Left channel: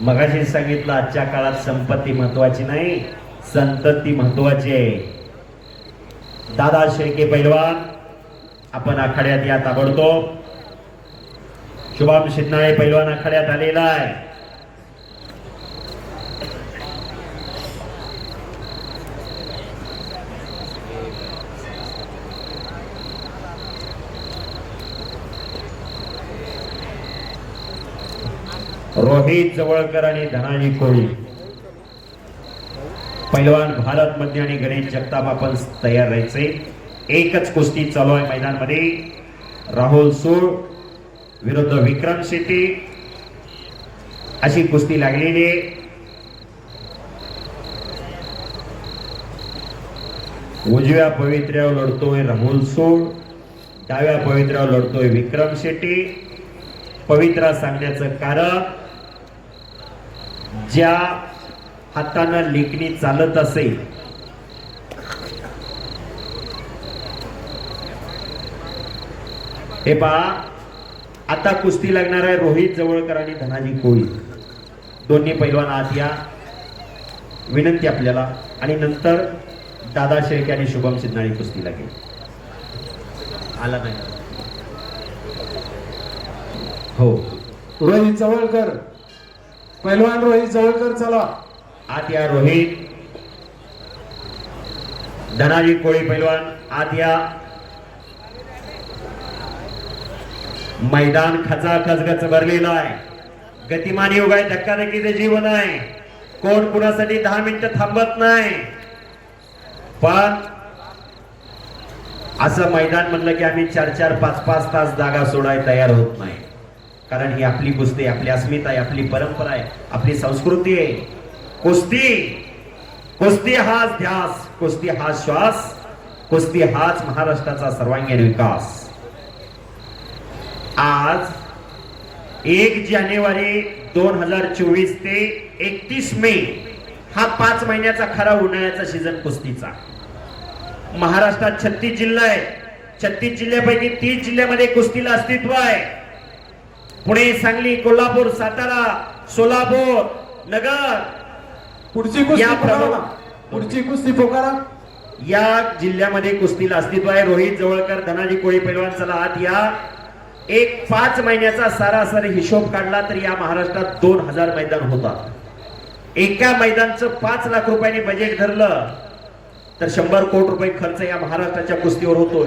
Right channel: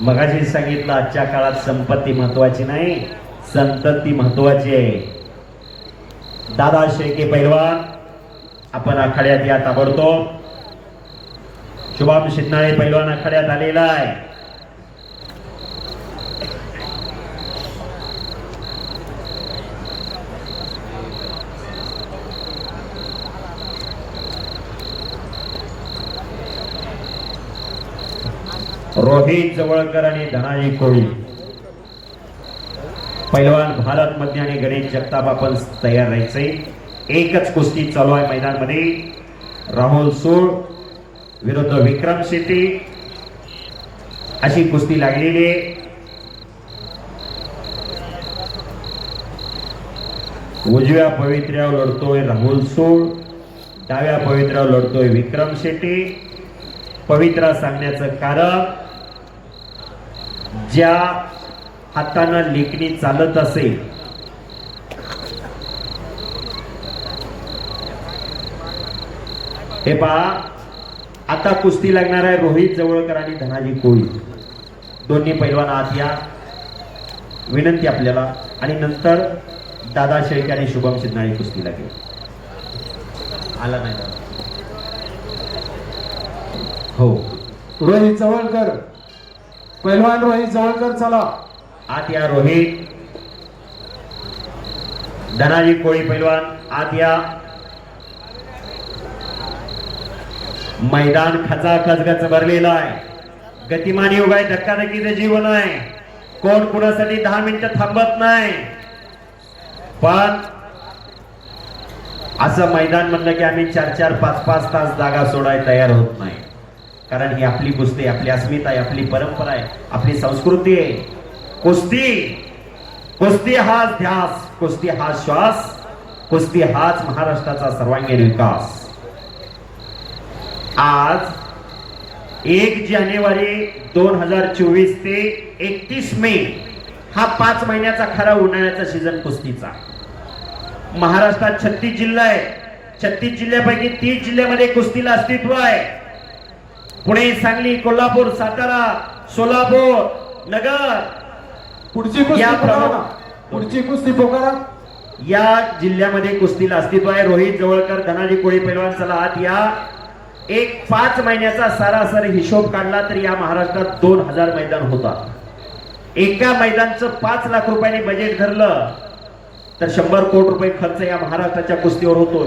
मगाशी सांगितलं आजच्या काळात संपत्ती महत्वाची नाही, संतती महत्वाची आहे. दादा शेळके पैलवान आपण आखाड्यात या ताबडतोब. शुभम शिंदे पैलवान आखाड्यात आलेला आहे. रोहित जवळकर आणि धनाजी कोळी पैलवान भारत मध्य आणि गणेश जगताप आपण तयार राहायचे. एकच कुस्ती चालू आहे मैदानामध्ये. राहुल सूळ विरुद्ध विक्रम शेट्टी अशी कुस्ती लागलेली आहे. उजव्या पवित्र्यावर लढतोय राहुल सूळ, डाव्या पवित्र्यावर लढतोय विक्रम शेट्टी. पवित्रा सांगण्याचं कारण ज्या हातानं लेखणी चालत असेल हे पहा. आता कुस्ती लागणार आहे रोहित जवळकर आणि धनाजी कोळी. दोन्ही पैलवान आत या विनंती आपल्याला. आणि नंतर दादा शेळके आणि शुभम शिंदे कुस्ती लागेल. आला नाही हो. रोहित जवळकर पैलवान रोहित जवळकर चला आत या. रोहित धनाजी कोळी पैलवान आत या. मैदान खचाखच भरलेलं आहे. गतिमान योग आहे, धक्काधक्कीचं जीवन आहे. कोण कुणासाठी 10 मिनिटं थांबत नाही. पण असं मैदान म्हणलं की आम्ही 4-4, 5-5 तास जागा सोडायला तयार होत नाही. कारण ही आपली कुस्ती, आपली अस्मिता आहे, आपली परंपरा आहे, आपली संस्कृती आहे. कुस्ती हाच ध्यास, कुस्ती हाच श्वास, कुस्ती हाच महाराष्ट्राचा सर्वांगीण विकास. आज 1 जानेवारी 2024 ते 31 मे हा 5 महिन्याचा खरा उन्हाळ्याचा सीझन कुस्तीचा. महाराष्ट्रात 36 जिल्हा आहे. 36 जिल्ह्यापैकी 30 जिल्ह्यामध्ये कुस्तीला अस्तित्व आहे. पुणे, सांगली, कोल्हापूर, सातारा, सोलापूर, नगर पुढची कुस्ती पोकारा या जिल्ह्यामध्ये कुस्तीला अस्तित्व आहे. रोहित जवळकर धनाजी कोळी पैलवान चला आत या. एक 5 महिन्याचा सरासरी हिशोब काढला तर या महाराष्ट्रात 2000 मैदान होतात. एका मैदानचं 5 लाख रुपयांनी बजेट धरलं तर 100 कोटी रुपये खर्च या महाराष्ट्राच्या कुस्तीवर होतो.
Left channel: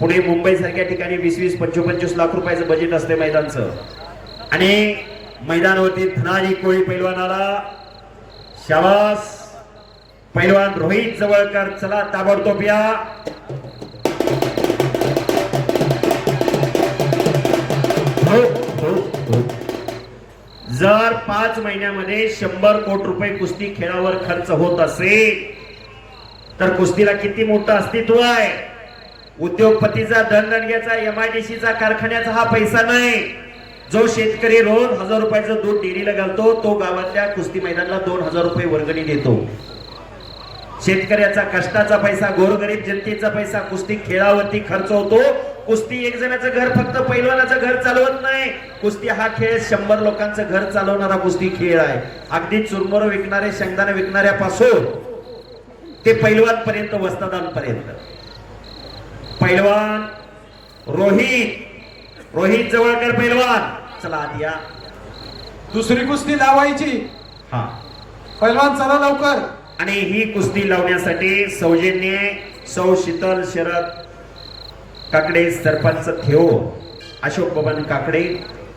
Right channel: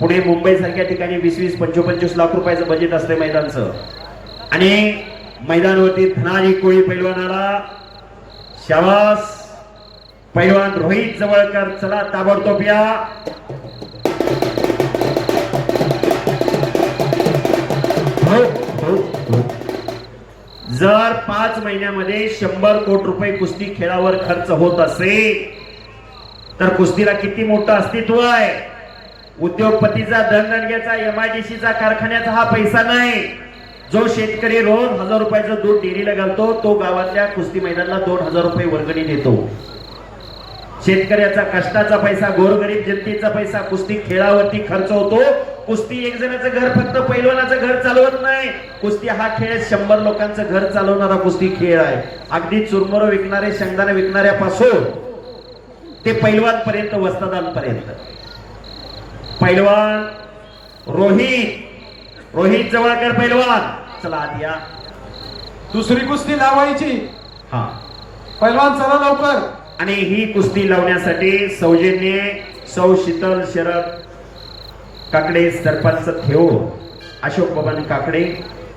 पुणे, मुंबई सारख्या ठिकाणी 20-20, 25-25 लाख रुपयाचं बजेट असते मैदानचं. आणि मैदानावरती धनाजी कोळी पैलवानाला शाबास. पैलवान रोहित जवळकर चला ताबडतोब या. जर 5 महिन्यामध्ये 100 कोटी रुपये कुस्ती खेळावर खर्च होत असेल तर कुस्तीला किती मोठं अस्तित्व आहे. उद्योगपतीचा धनगणग्याचा MIDCचा कारखान्याचा हा पैसा नाही. जो शेतकरी रोज 1000 रुपयाचं दूध डेअरीला घालतो तो गावातल्या कुस्ती मैदानाला 2000 रुपये वर्गणी देतो. शेतकऱ्याचा कष्टाचा पैसा, गोरगरीब जनतेचा पैसा कुस्ती खेळावरती खर्च होतो. कुस्ती एक जणाचं घर, फक्त पैलवानाचं घर चालवत नाही. कुस्ती हा खेळ 100 लोकांचं घर चालवणारा कुस्ती खेळ आहे. अगदी चुरमुर विकणारे, शेंगदाणे विकणाऱ्यापासून ते पैलवान पर्यंत, वस्तादांपर्यंत. पैलवान रोहित जवळकर पैलवान चला आत या. दुसरी कुस्ती लावायची. हा पैलवान चला लवकर. आणि ही कुस्ती लावण्यासाठी सौजन्य सौ शीतल शरद काकडे, सरपंच थेओ, अशोक बबन काकडे,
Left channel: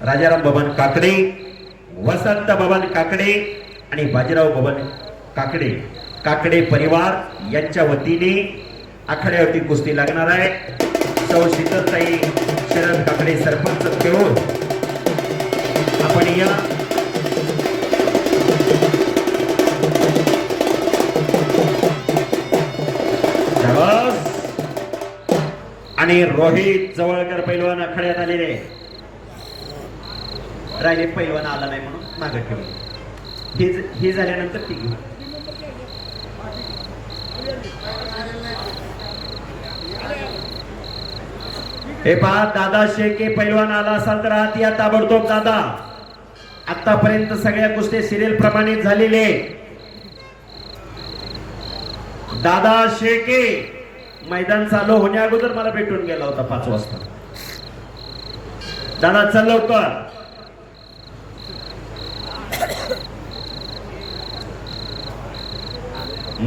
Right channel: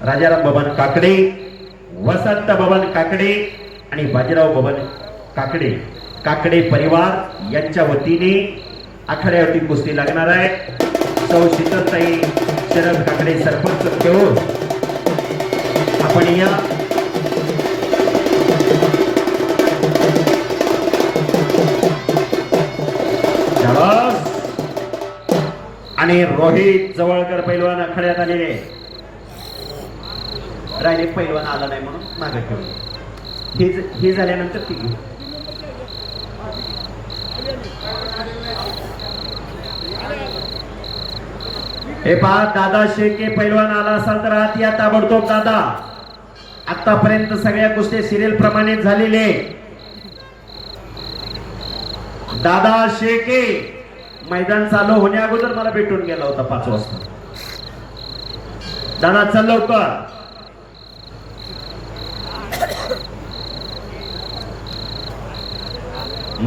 राजाराम बबन काकडे, वसंत बबन काकडे आणि बाजीराव बबन काकडे परिवार यांच्या वतीने आखाड्यावरती कुस्ती लागणार आहे. सौ शीतलताई शरद काकडे, सरपंच थेओ आपण या. आणि रोहित जवळकर पैलवान आखाड्यात आलेले. राहिले पैलवान आला नाही म्हणून मागे ठेवले. हे झाल्यानंतर ती घेऊ. हे पहा दादा शेळके पैलवान आला असाल तर आत या ताबडतोब. दादा आतापर्यंत सगळ्या कुस्त्या सिरियल प्रमाणे झालेले. दादा शेके मैदान चालू होण्या अगोदर मला भेटून गेला होता 5 वाजता. दादा चल लवकर.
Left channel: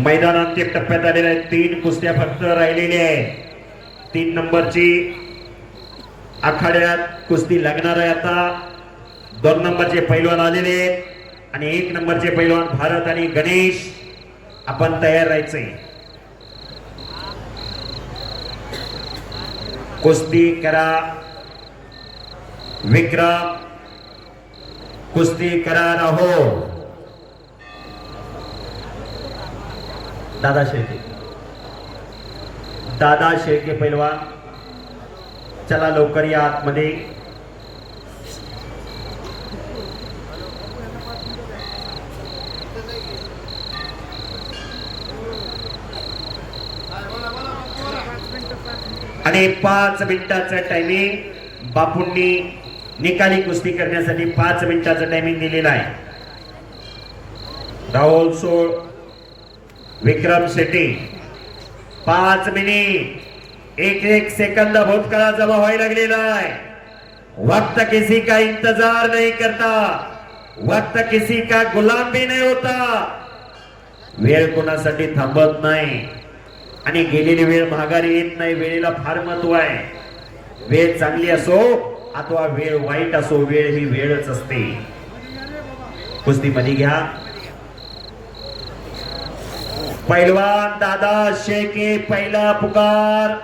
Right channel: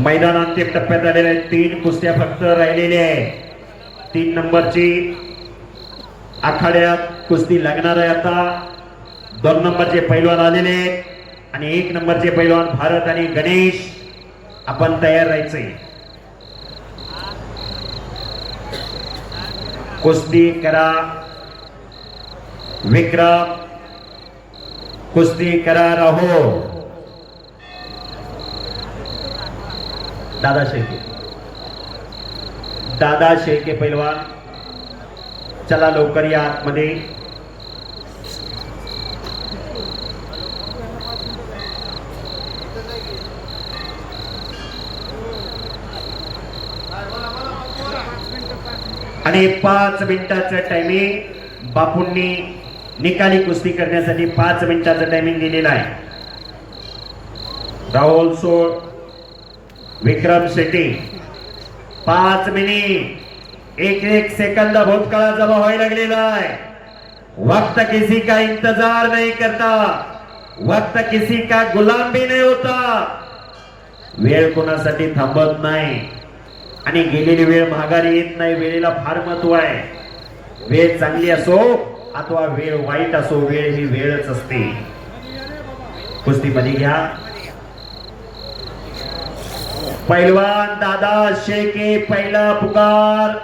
मैदान अंतिम टप्प्यात आलेले आहेत. 3 कुस्त्या फक्त राहिलेल्या आहेत. 3 नंबरची आखाड्यात कुस्ती लागणार आहे. आता 2 नंबरचे पैलवान आलेले आहेत आणि 1 नंबरचे पैलवान भारत आणि गणेश. आपण तयार राहायचंय. कुस्ती करा विक्रम, कुस्ती करा रहो. दादा शेळके पैलवान चला लवकर या आतमध्ये. आणि 5 मिनिटाचं टायमिंग बापूंनी निकाली कुस्ती करण्यासाठी 5 मिनिटाचं टायमिंग दिलेलं आहे. राहुल सोळ, विक्रम शेट्टी 5 मिनिट 1 सेकंद भूतकाळात जमा व्हायला लागलेला आहे. वक्त किसी का इंतजार नहीं करता, वक्त किसी का गुलाम भी नहीं होता. वेळ कोणासाठी थांबत नाही आणि गेलेली वेळ माघारी येत नाही. वेळेला फार महत्व आहे. वेळ चांगली असो अथवा वेळ वाईट असो, वेळ ही वेळच असते. कुस्तीमध्ये घ्या. पैलवान दादा शेके पहिला पुकार.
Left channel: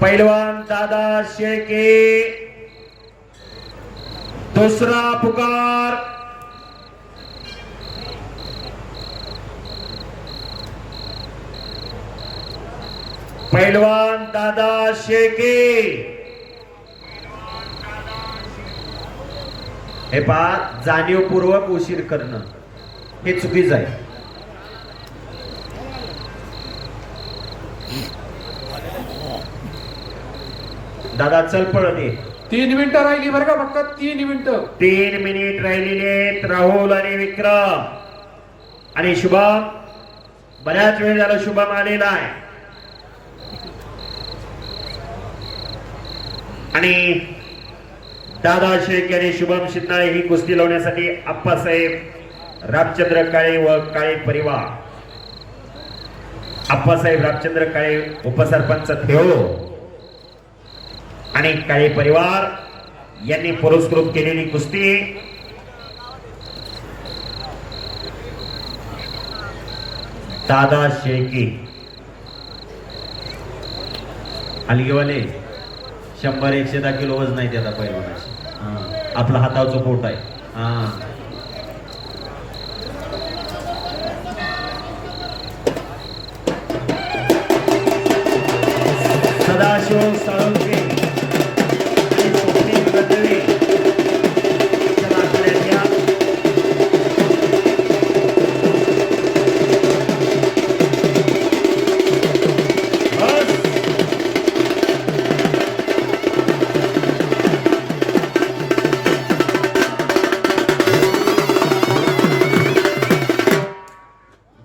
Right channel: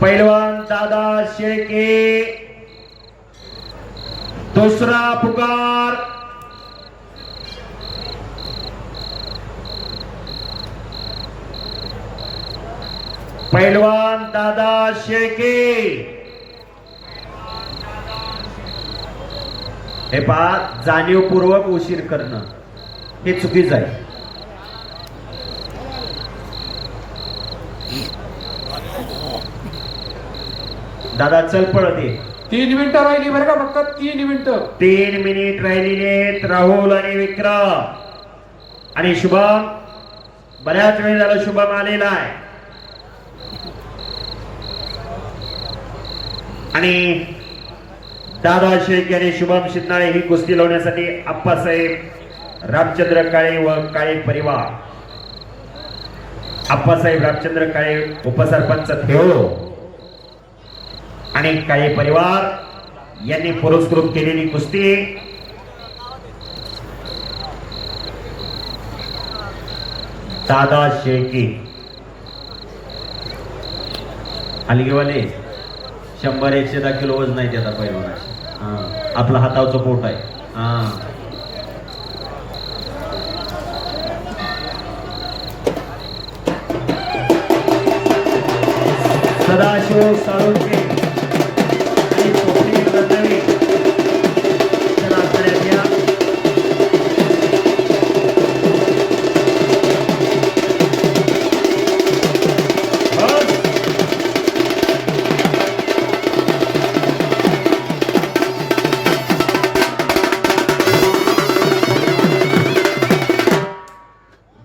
पैलवान दादा शेके दूसरा पुकार. पैलवान दादा शेके. हे पहा, जाणीवपूर्वक उशीर करणं हे चुकीचं आहे. दादा चल पळत ये. 3 मिनिटं राहिली बरं का, फक्त 3 मिनिटं. 3 मिनिट राहिलेले आहेत. राहुल आणि विक्रम आणि शुभम. बऱ्याच वेळ झाला शुभम आलेला आहे. आणि दादा शेख आणि शुभम शिंदे ही कुस्ती लावण्यासाठी आप्पासाहेब रामचंद्र काळे व काळे परिवार. आप्पासाहेब रामचंद्र काळे उपसरपंच थेओ आणि काळे परिवार यांनी पुरस्कृत केलेली कुस्ती. दादा शेकी हलगेवाले 100-110 किलो वजन नाही त्याचा पैलवानाची. आपला हातावचं पोट आहे. सदाशिव साळुंके आणि स्वप्नील गंधवी तर आपल्यात या.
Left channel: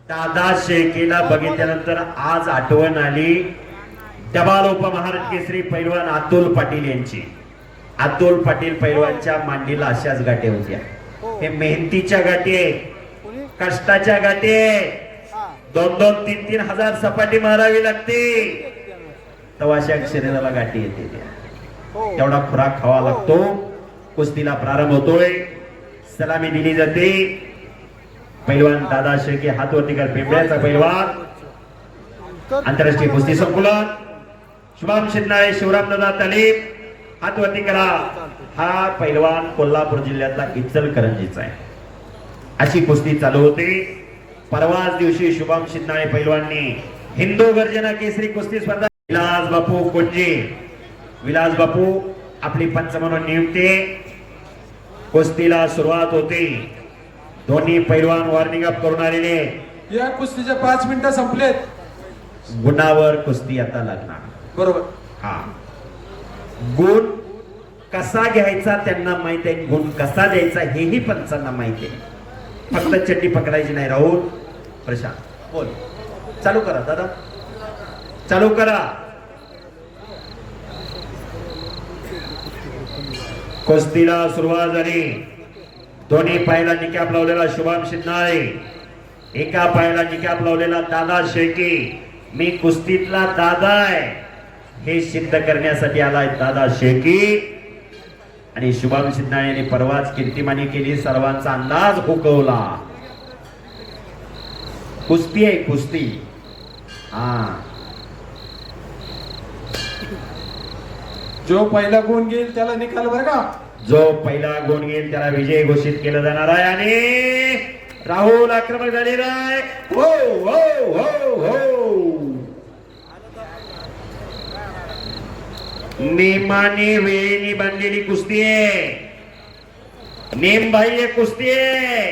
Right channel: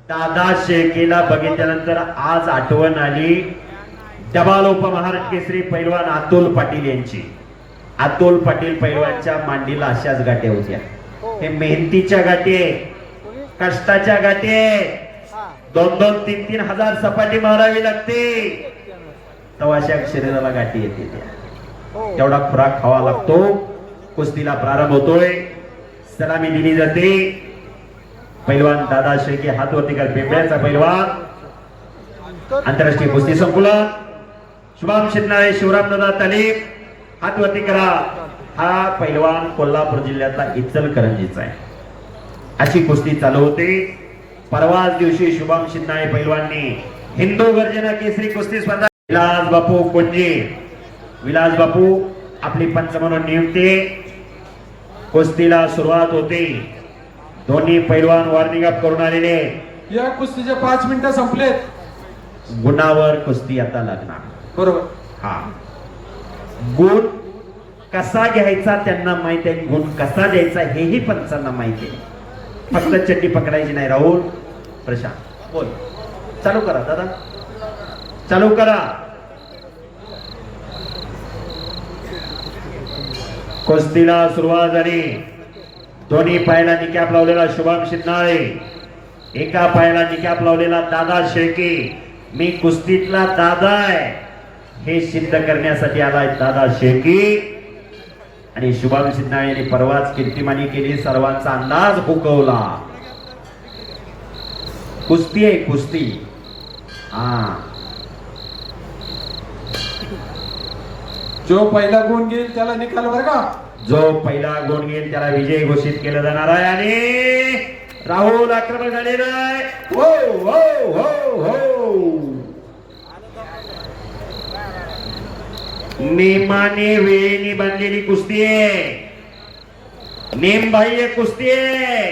दादा शेळकेला बघितल्यानंतर आज आठवण आली डबाल उपमहाराष्ट्र केसरी पैलवान अतुल पाटील यांची. अतुल पाटील पैलवानच्या मांडीला अशाच गाठी होत्या. हे मेहनतीच्या गाठी आहे, कष्टाच्या गाठी आहे. 2-2, 3-3 हजार सपाटी मारावी लागते तेव्हा अशा शरीराला गाठी येते. तेवढा खुराक खावा लागतो. कुस्तीला प्रारंभ होतोय. सलामी दिली जाते. पैलवान दादा शेळके हातवरती कर. पिंपळ्याचा पैलवान आंतरराष्ट्रीय कुस्ती संकुलन. शुभम शिंदे, शिवरामदादा तालीम हातवरती करा. हा पैलवान कोल्हापूर जिल्ह्यातला इचलकरंजीचा आहे. अशी कुस्ती चालू होते. परवाच दिवशी शुभम शिंदे पैलवाननी हिंदू गर्जना केसरी कुस्ती स्पर्धा. विलास बापू कोंजे, विलास बापू आपली पंच म्हणून नियुक्ती. कुस्तीला सुरुवात होते. दोन्ही पैलवान वॉर्निंग अप करून आलेले. या कुस्तीचे 5 मिनिटं संपलेत. गुणावर कुस्ती आता लागणार. बरोबर. हा गुण कसा घ्यायचा त्यांना माहित आहे, गुण कसा द्यायचा हेही पंचांना माहिती आहे. फक्त चड्डी पकडायची नाही. राहुल, प्रशांत बोल, चालू करा दादा, चालू करा. कुस्तीला सुरुवात झाली. दोन्ही पायाला निकॅप लावलेला शुभम शिंदे, एका पायाला निकॅप लावलेला दादा शेळके. मी कुस्तीतला दादा आहे हे सिद्ध करण्यासाठी आलाय दादा शेळके. आणि शुभम शिंदे यांनी परवाच कीर्तिमानी केली, सर्वांचा अंदाज हुकवला. कुस्ती आहे कुस्ती. हा, जो पहिला गुण घेईल त्याला निकाल बरं का. जो पहिला गुण घेईल त्याला विजय घोषित केलं जाणार आहे. आणि राहुल आक्रमक झालेला आहे. हो हो हो हो, नेमाने वेळेने बांधलेली कुस्ती आहे, नेमबाह्य कुस्ती आहे.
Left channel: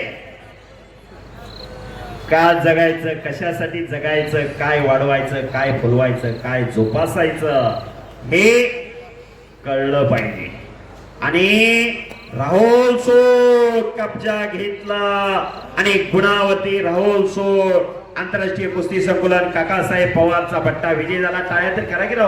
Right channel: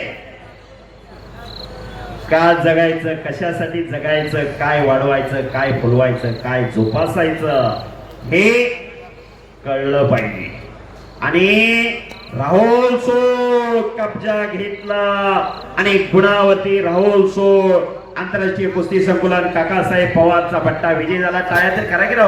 का जगायचं, कशासाठी जगायचं, काय वाढवायचं, काय फुलवायचं, काय जोपासायचं हे कळलं पाहिजे. आणि राहुल सोड कब्जा घेतला आणि गुणावरती राहुल सोड आंतरराष्ट्रीय कुस्ती संकुलन काकासाहेब पवारचा पट्टा विजय झाला. टाळ्या तर करा की राव.